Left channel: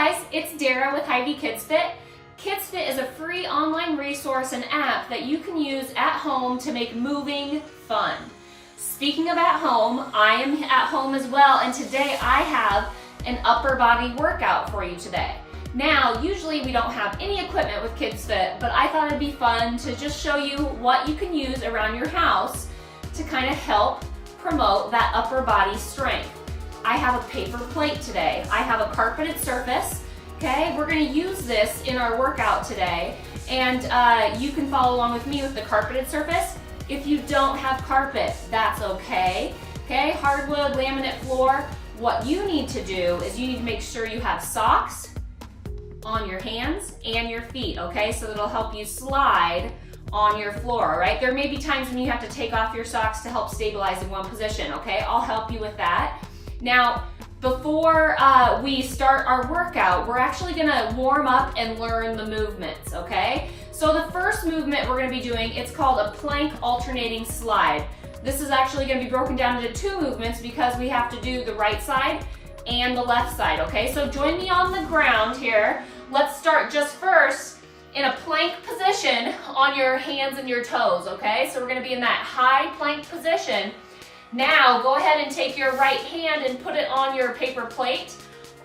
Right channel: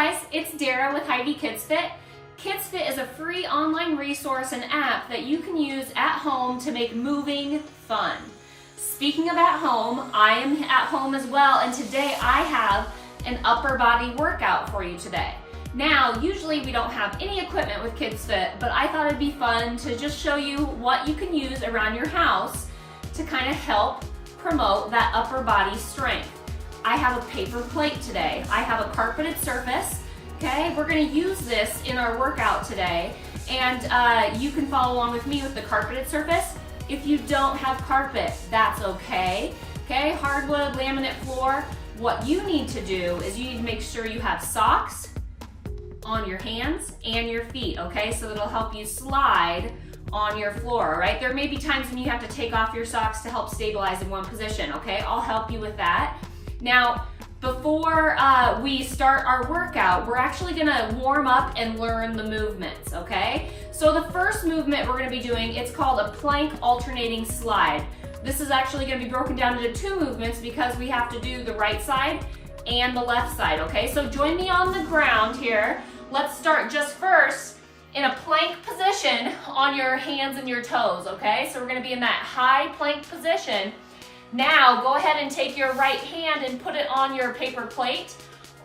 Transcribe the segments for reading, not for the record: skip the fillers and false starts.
guys, it's Dara with Hy-Vee KidsFit. KidsFit is a free online resource and app that you can use at home to make moving fun. Speaking of at home, I am at home as well, and today I have an upper body workout for you today. Now, usually we don't have any equipment with KidsFit, but I thought it'd be fun to just show you what you can use around your house to kind of help promote that upper body strength. I have a paper plate today. I have a carpeted surface. Okay, we're gonna use this in our workout today, and you can follow along with me with the carpeted surface. If you don't have carpet, that's okay. Okay, hardwood, laminate floor. What you need to do is you need to make sure you have socks on your hands and your feet, okay? So that'll help you slide on your floor, all right? There may be times when you have to take off your socks to help stabilize in one position, okay? I'll help you with that. Now, before we start our workout, we're actually gonna warm up and learn the movements, okay? So the first movement we're gonna be doing, it's called a plank alternating slide. This is actually gonna be broken down into two movements because we have to do the right side and the left side, okay? So join me on the ground here. Let's start just first in a plank position on your hands and your toes, okay? So we're gonna be in that high plank position. Now, go ahead and take your right hand and put it on your paper plate,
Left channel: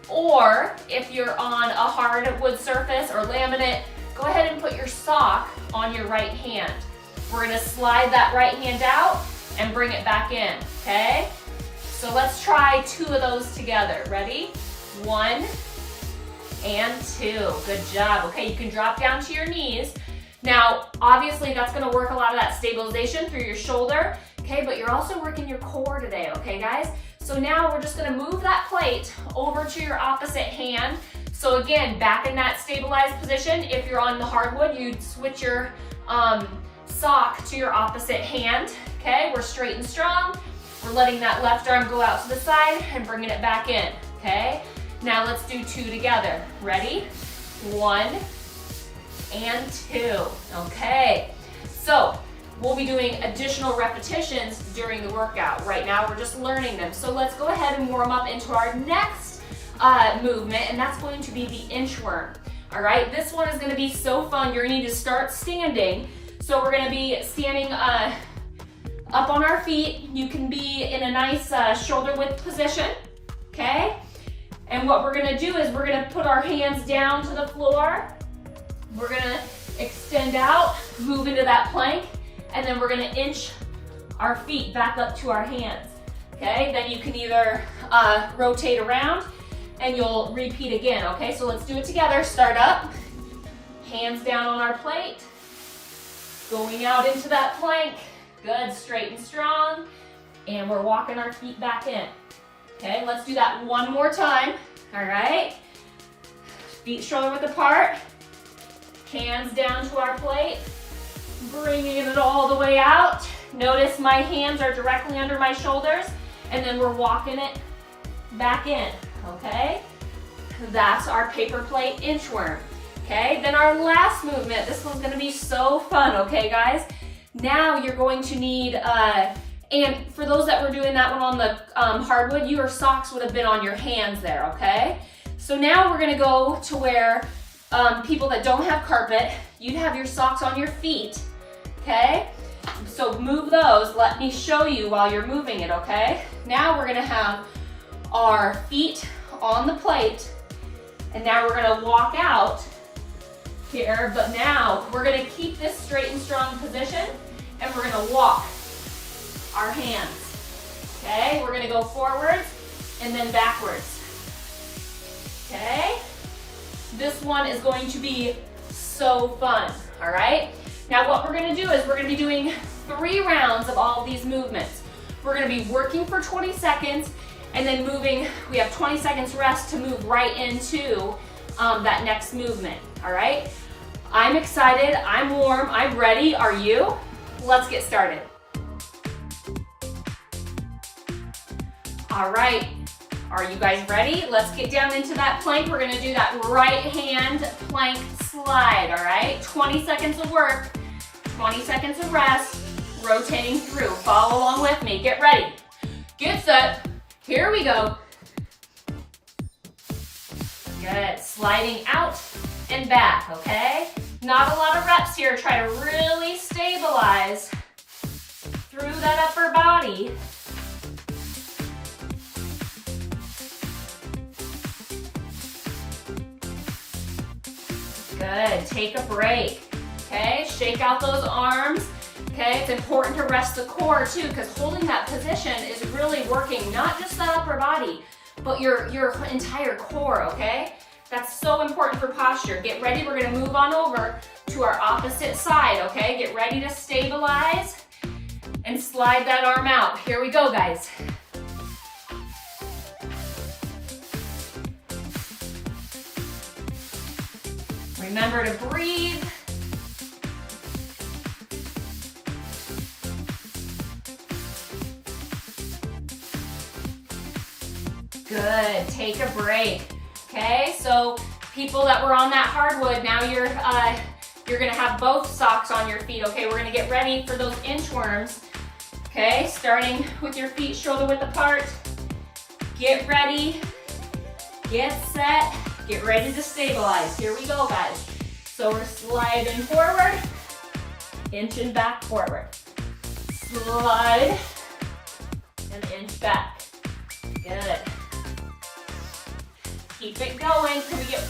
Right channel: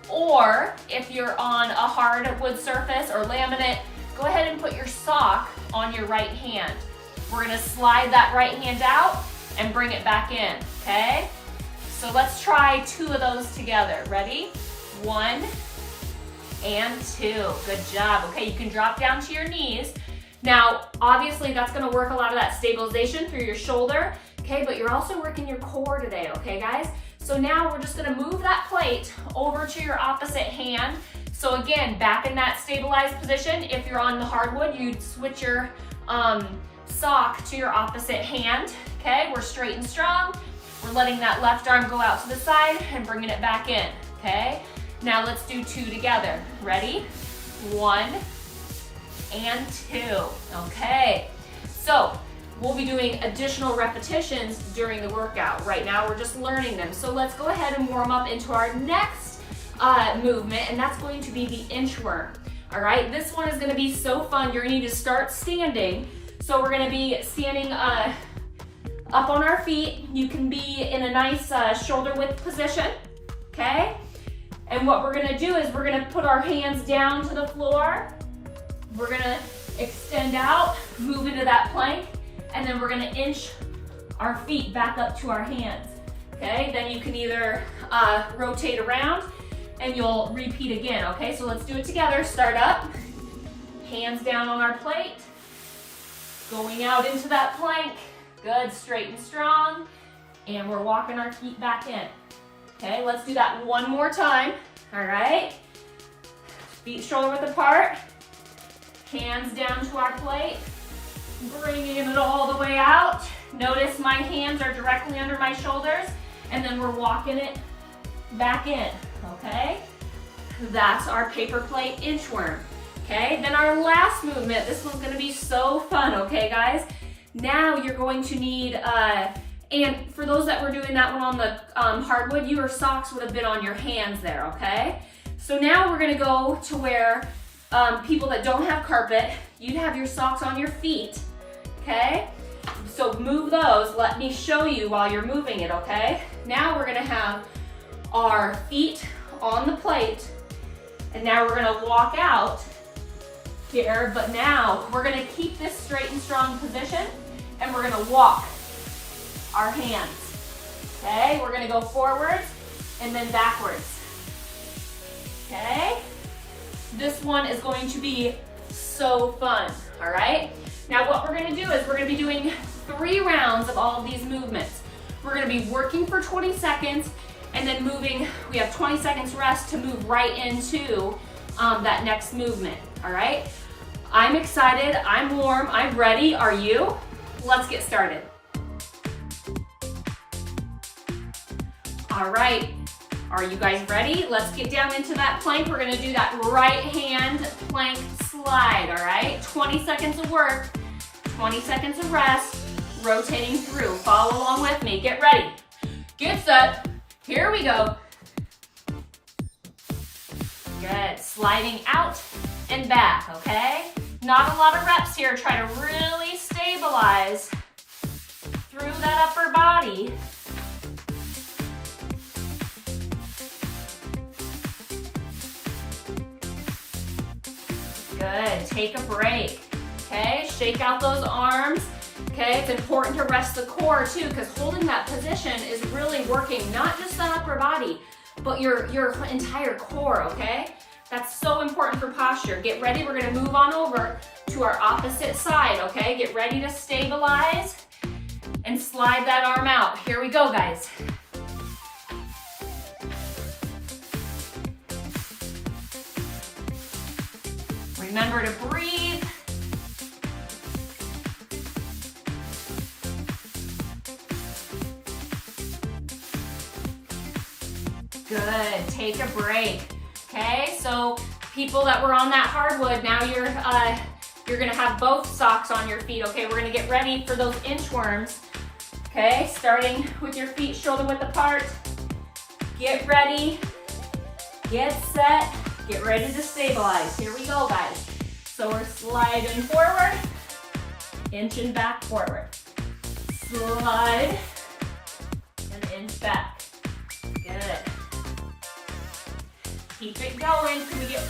or if you're on a hardwood surface or laminate, go ahead and put your sock on your right hand. We're gonna slide that right hand out and bring it back in, okay? So let's try two of those together. Ready? 1 and 2. Good job. Okay, you can drop down to your knees. Now, obviously that's gonna work a lot of that stabilization through your shoulder. Okay, but you're also working your core today, okay guys? So now we're just gonna move that plate over to your opposite hand. So again, back in that stabilized position. If you're on the hardwood, you'd switch your sock to your opposite hand. Okay, we're straight and strong. We're letting that left arm go out to the side and bringing it back in, okay? Now let's do 2 together. Ready? 1 and 2, okay? So, we'll be doing additional repetitions during the workout. Right now, we're just learning them. So let's go ahead and warm up into our next movement, and that's going to be the inchworm. All right, this one is gonna be so fun. You're gonna need to start standing. So we're gonna be standing up on our feet. You can be in a nice shoulder width position, okay? And what we're gonna do is we're gonna put our hands down to the floor. We're gonna extend out, move into that plank, and then we're gonna inch our feet back up to our hands, okay? Then you can either rotate around and you'll repeat again, okay? So let's do it together. Start up, hands down on our plate, going out into that plank. Good, straight and strong. And we're walking our feet back in. Okay, let's do that one more time, all right? Feet shoulder width apart, hands down to our plate, bringing it all the way out. Notice my hands are directly under my shoulders, and then we're walking it back in, okay? That's our paper plate inchworm, okay? Then our last movement, this one's gonna be so fun, okay guys? Now you're going to need, and for those that were doing that one on the hardwood, your socks would have been on your hands there, okay? So now we're gonna go to where people that don't have carpet, you'd have your socks on your feet, okay? So move those, let me show you while you're moving it, okay? Now we're gonna have our feet on the plate, and now we're gonna walk out here, but now we're gonna keep this straight and strong position, and we're gonna walk our hands, okay? We're gonna go forwards and then backwards, okay? This one is going to be so fun, all right? Now what we're gonna do is we're gonna be doing 3 rounds of all of these movements. We're gonna be working for 20 seconds and then moving, we have 20 seconds rest to move right into that next movement, all right? I'm excited, I'm warm, I'm ready, are you? Let's get started. All right, are you guys ready? Let's get down into that plank. We're gonna do that right hand plank slide, all right? 20 seconds of work, 20 seconds of rest, rotating through. Follow along with me, get ready. Get set, here we go. Good, sliding out and back, okay? Not a lot of reps here. Try to really stabilize through that upper body. Good, take a break, okay? Shake out those arms, okay? It's important to rest the core too, because holding that position is really working not just the upper body, but your entire core, okay? That's so important for posture. Get ready, we're gonna move on over to our opposite side, okay? Get ready to stabilize and slide that arm out. Here we go, guys. Remember to breathe. Good, take a break. Okay, so people that were on that hardwood, now you're gonna have both socks on your feet. Okay, we're gonna get ready for those inchworms. Okay, starting with your feet shoulder width apart. Get ready, get set, get ready to stabilize. Here we go, guys. So we're sliding forward, inching back forward. Slide and inch back. Good. Keep it going. Can we get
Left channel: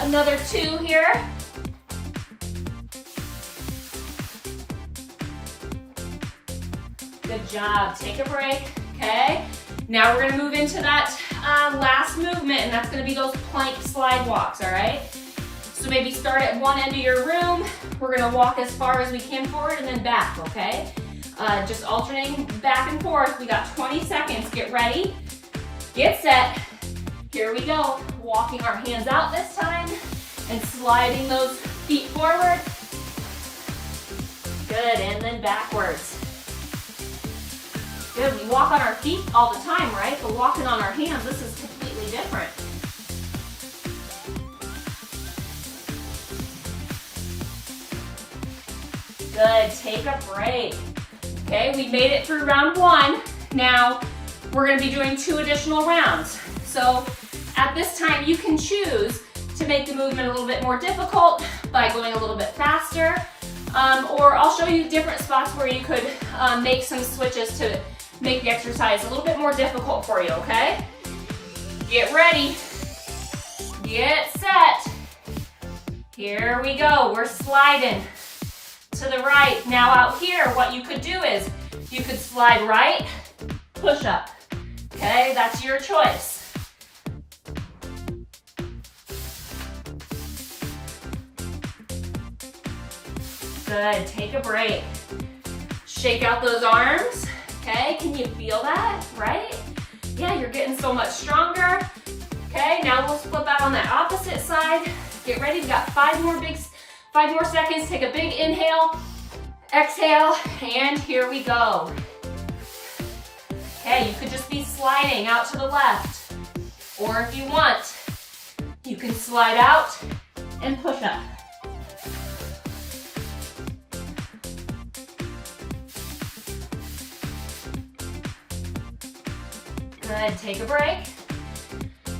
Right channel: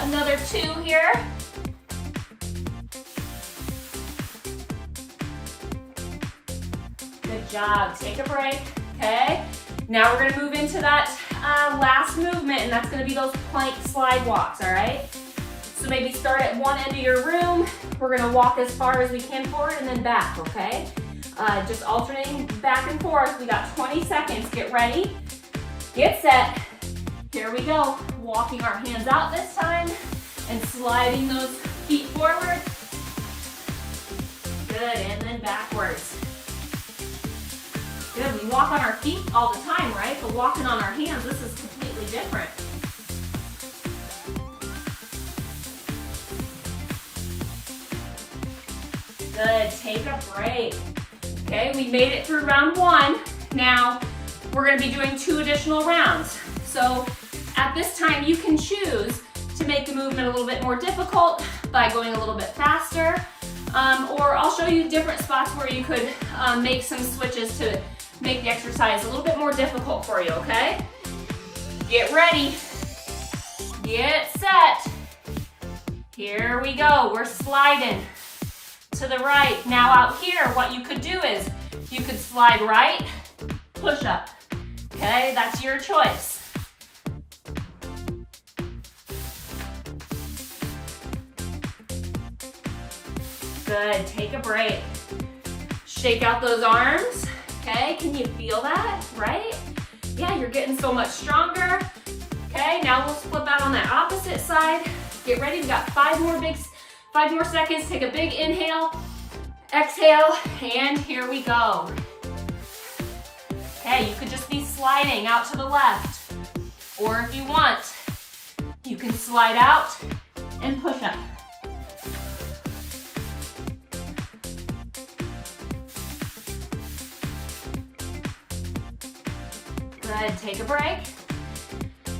another 2 here? Good job. Take a break. Okay. Now we're going to move into that last movement, and that's going to be those plank slide walks, all right? So maybe start at one end of your room. We're going to walk as far as we can forward and then back, okay? Just alternating back and forth. We got 20 seconds. Get ready. Get set. Here we go. Walking our hands out this time and sliding those feet forward. Good, and then backwards. Good, we walk on our feet all the time, right? But walking on our hands, this is completely different. Good, take a break. Okay, we made it through round 1. Now, we're gonna be doing 2 additional rounds. So, at this time, you can choose to make the movement a little bit more difficult by going a little bit faster, or I'll show you different spots where you could make some switches to make the exercise a little bit more difficult for you, okay? Get ready, get set. Here we go, we're sliding to the right. Now out here, what you could do is you could slide right, push up, okay? That's your choice. Good, take a break. Shake out those arms, okay? Can you feel that, right? Yeah, you're getting so much stronger. Okay, now we'll flip out on that opposite side. Get ready, we got 5 more seconds. Take a big inhale, exhale, and here we go. Okay, you could just be sliding out to the left, or if you want, you can slide out and push up. Good, take a break.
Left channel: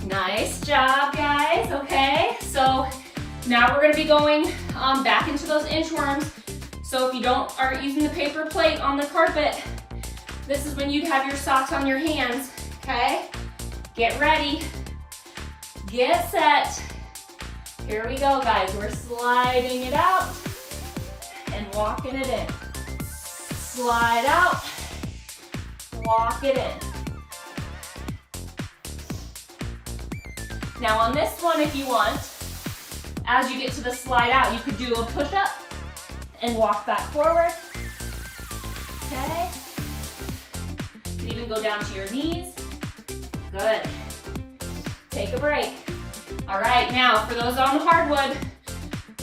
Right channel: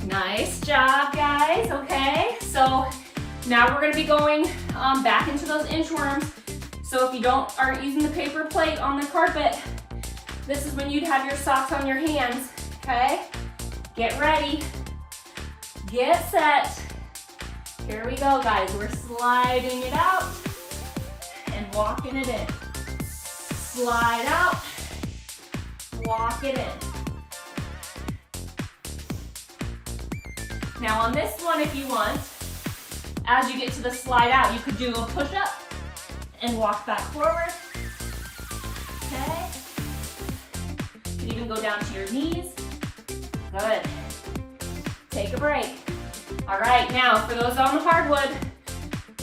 Nice job, guys, okay? So now we're gonna be going back into those inchworms. So if you aren't using the paper plate on the carpet, this is when you'd have your socks on your hands, okay? Get ready, get set. Here we go, guys. We're sliding it out and walking it in. Slide out, walk it in. Now on this one, if you want, as you get to the slide out, you could do a push-up and walk back forward, okay? You can even go down to your knees. Good. Take a break. All right, now for those on the hardwood,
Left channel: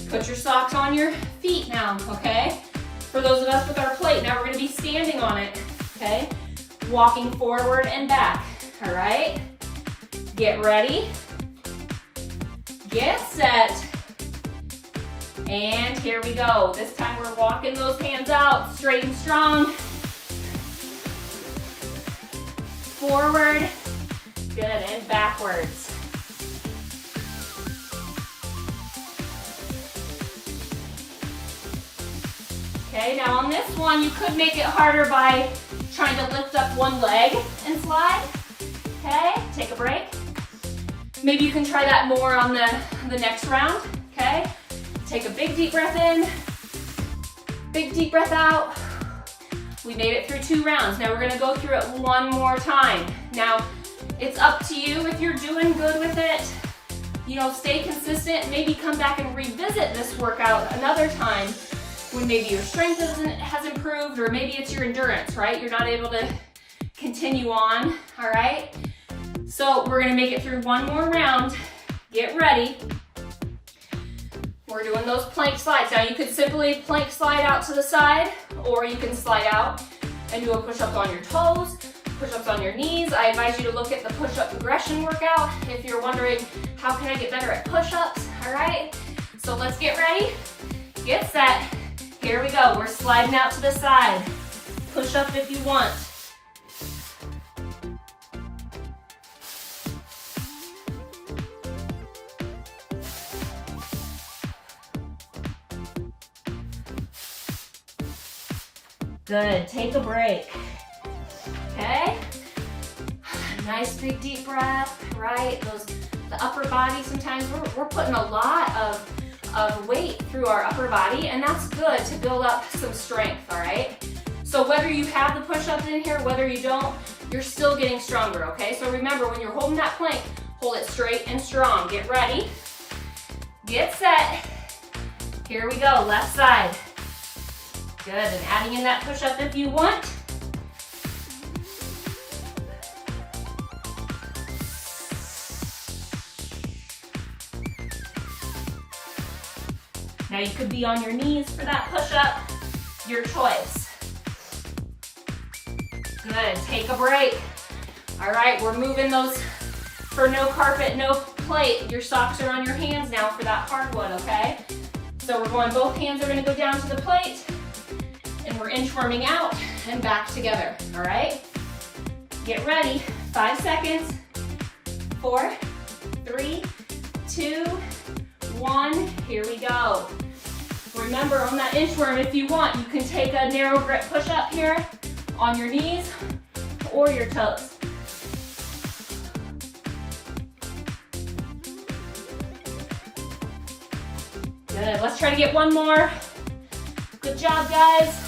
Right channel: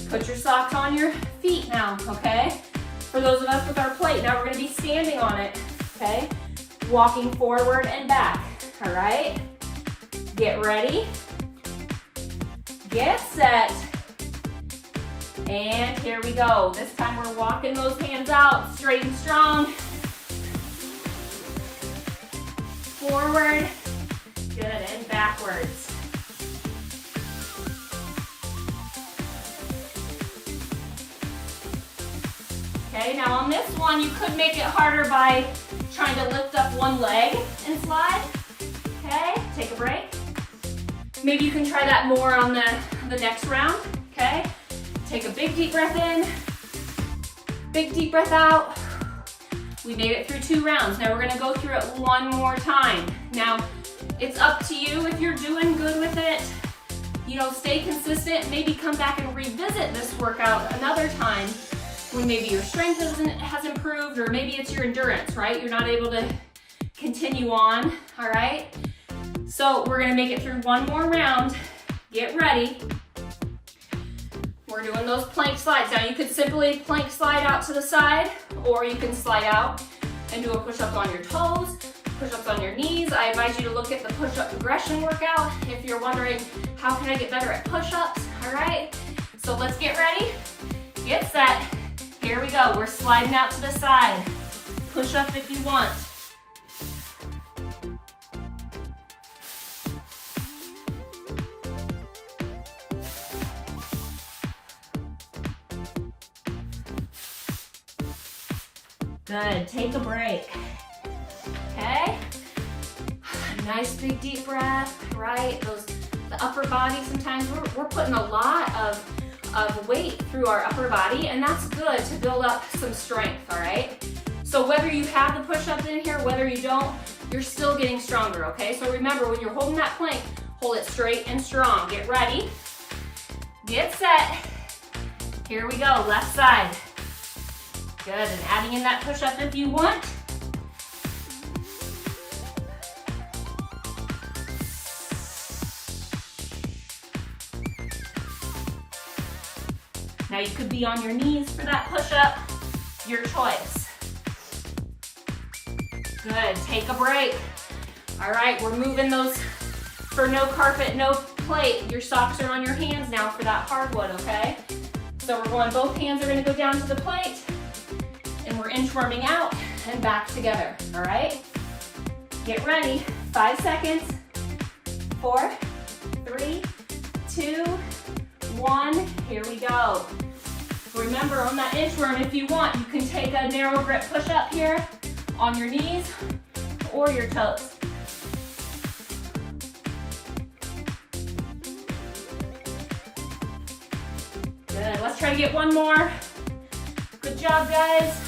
put your socks on your feet now, okay? For those of us with our plate, now we're gonna be standing on it, okay? Walking forward and back, all right? Get ready. Get set, and here we go. This time we're walking those hands out, straight and strong. Forward, good, and backwards. Okay, now on this one, you could make it harder by trying to lift up one leg and slide. Okay, take a break. Maybe you can try that more on the next round, okay? Take a big deep breath in, big deep breath out. We made it through 2 rounds. Now we're gonna go through it one more time. Now, it's up to you if you're doing good with it. You know, stay consistent, maybe come back and revisit this workout another time when maybe your strength has improved, or maybe it's your endurance, right? You're not able to continue on, all right? So we're gonna make it through one more round. Get ready. We're doing those plank slides. Now you could simply plank slide out to the side, or you can slide out and do a push-up on your toes, push-ups on your knees. I advise you to look at the push-up progression workout if you're wondering, how can I get better at push-ups, all right? So let's get ready, get set. Here we go, we're sliding out to the side. Push up if you want. Good, take a break, okay? Nice big deep breath, right? The upper body, sometimes we're putting a lot of weight through our upper body, and that's good to build up some strength, all right? So whether you have the push-ups in here, whether you don't, you're still getting stronger, okay? So remember, when you're holding that plank, hold it straight and strong. Get ready, get set. Here we go, left side. Good, and adding in that push-up if you want. Now you could be on your knees for that push-up, your choice. Good, take a break. All right, we're moving those for no carpet, no plate. Your socks are on your hands now for that hardwood, okay? So we're going, both hands are gonna go down to the plate, and we're inchworming out and back together, all right? Get ready, 5 seconds, 4, 3, 2, 1, here we go. Remember, on that inchworm, if you want, you can take a narrow grip push up here on your knees or your toes. Good, let's try to get one more. Good job, guys.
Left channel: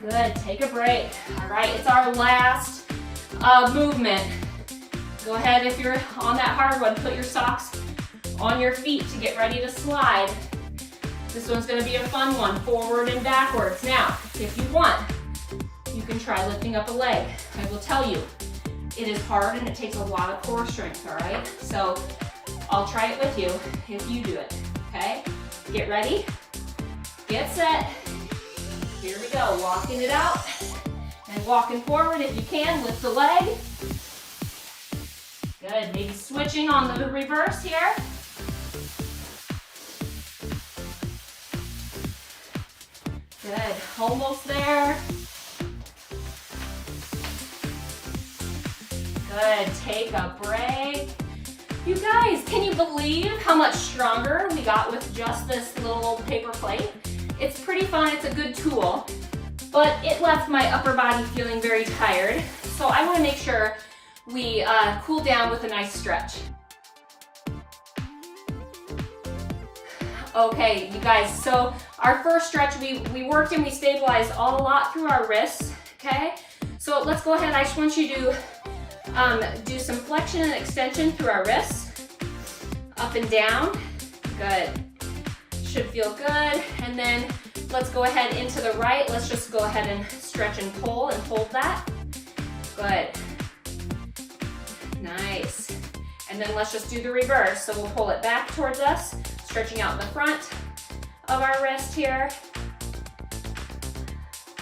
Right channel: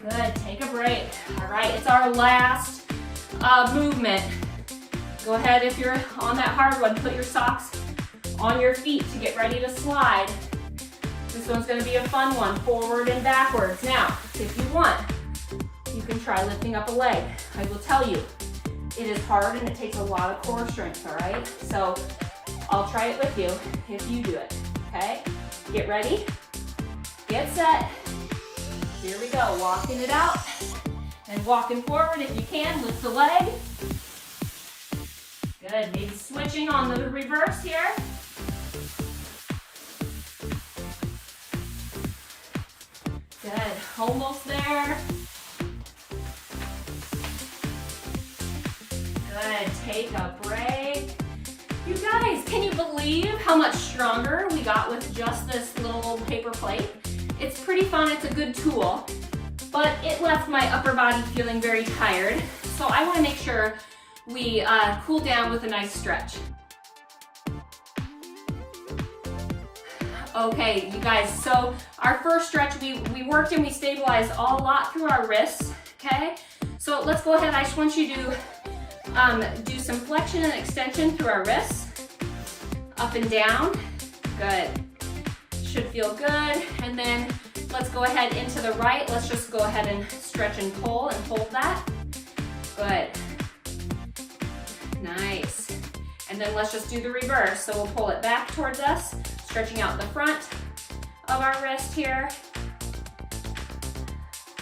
Good, take a break. All right, it's our last movement. Go ahead, if you're on that hard one, put your socks on your feet to get ready to slide. This one's gonna be a fun one, forward and backwards. Now, if you want, you can try lifting up a leg. I will tell you, it is hard and it takes a lot of core strength, all right? So I'll try it with you if you do it, okay? Get ready, get set. Here we go, walking it out and walking forward if you can, lift the leg. Good, maybe switching on the reverse here. Good, almost there. Good, take a break. You guys, can you believe how much stronger we got with just this little old paper plate? It's pretty fun, it's a good tool, but it left my upper body feeling very tired. So I wanna make sure we cool down with a nice stretch. Okay, you guys, so our first stretch, we worked and we stabilized a lot through our wrists, okay? So let's go ahead, I just want you to do some flexion and extension through our wrists, up and down, good. Should feel good, and then let's go ahead into the right. Let's just go ahead and stretch and pull and hold that, good. Nice. And then let's just do the reverse. So we'll pull it back towards us, stretching out the front of our wrist here.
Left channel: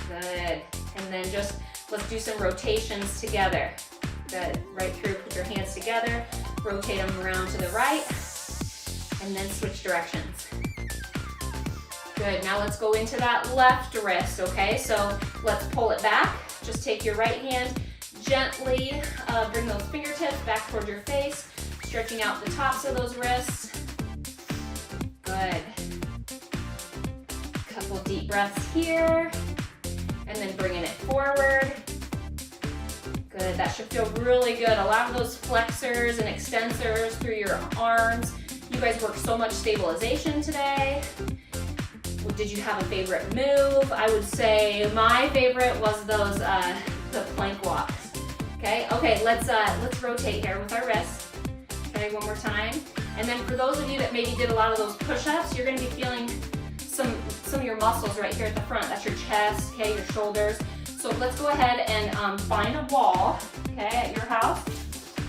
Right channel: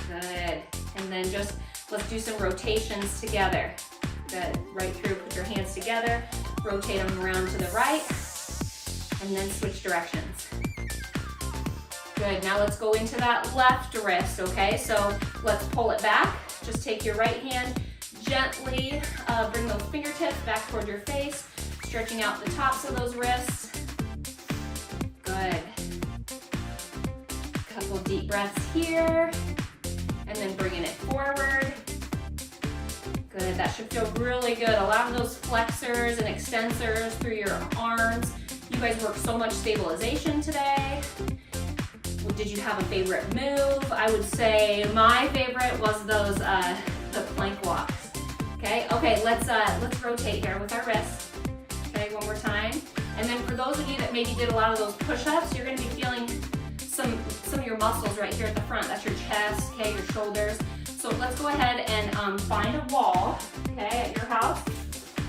Good. And then just, let's do some rotations together. Good. Right through, put your hands together, rotate them around to the right, and then switch directions. Good. Now let's go into that left wrist, okay? So let's pull it back. Just take your right hand, gently bring those fingertips back toward your face, stretching out the tops of those wrists. Good. Couple deep breaths here, and then bringing it forward. Good, that should feel really good. A lot of those flexors and extensors through your arms. You guys worked so much stabilization today. Well, did you have a favorite move? I would say my favorite was those the plank walks. Okay, let's rotate here with our wrists. Okay, one more time. And then for those of you that maybe did a lot of those push-ups, you're gonna be feeling some of your muscles right here at the front. That's your chest, okay, your shoulders. So let's go ahead and find a wall, okay, at your house.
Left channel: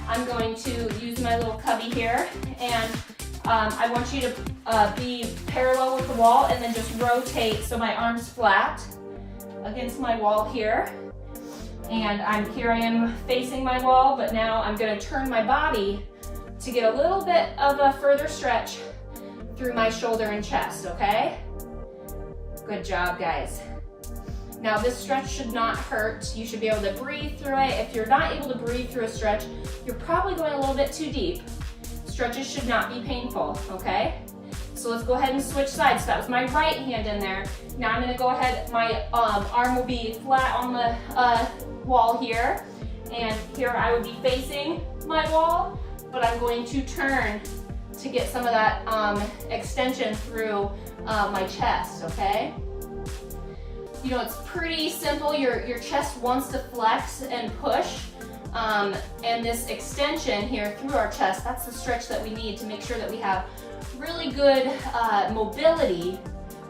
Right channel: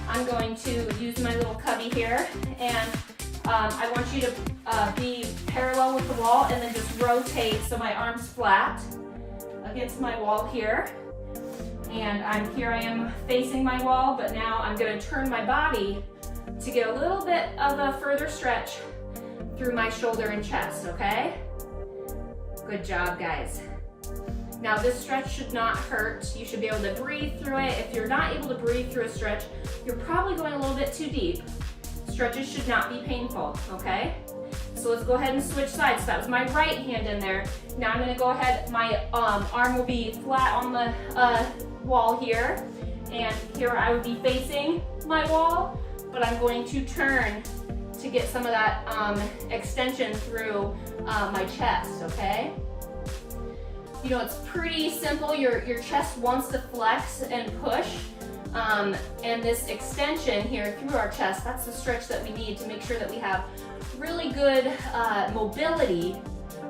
I'm going to use my little cubby here, and I want you to be parallel with the wall and then just rotate so my arm's flat against my wall here. And here I am facing my wall, but now I'm gonna turn my body to get a little bit of a further stretch through my shoulder and chest, okay? Good job, guys. Now this stretch should not hurt. You should be able to breathe through it. If you're not able to breathe through a stretch, you're probably going a little bit too deep. Stretches should not be painful, okay? So let's go ahead and switch sides. So that was my right hand in there. Now I'm gonna go ahead, my arm will be flat on the wall here, and here I would be facing my wall, but I'm going to turn to get some of that extension through my chest, okay? You know, it's pretty simple. Your chest wants to flex and push, and this extension here through our chest, that's the stretch that we need to make sure that we have really good mobility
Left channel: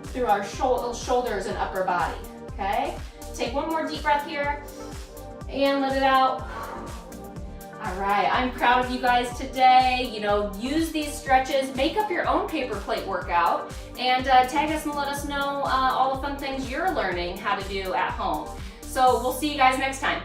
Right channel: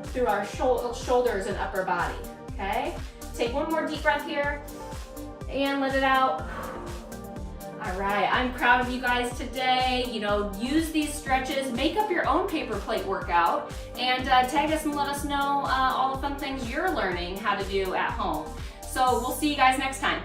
through our shoulders and upper body, okay? Take one more deep breath here and let it out. All right, I'm proud of you guys today. You know, use these stretches, make up your own paper plate workout, and tag us and let us know all the fun things you're learning how to do at home. So we'll see you guys next time.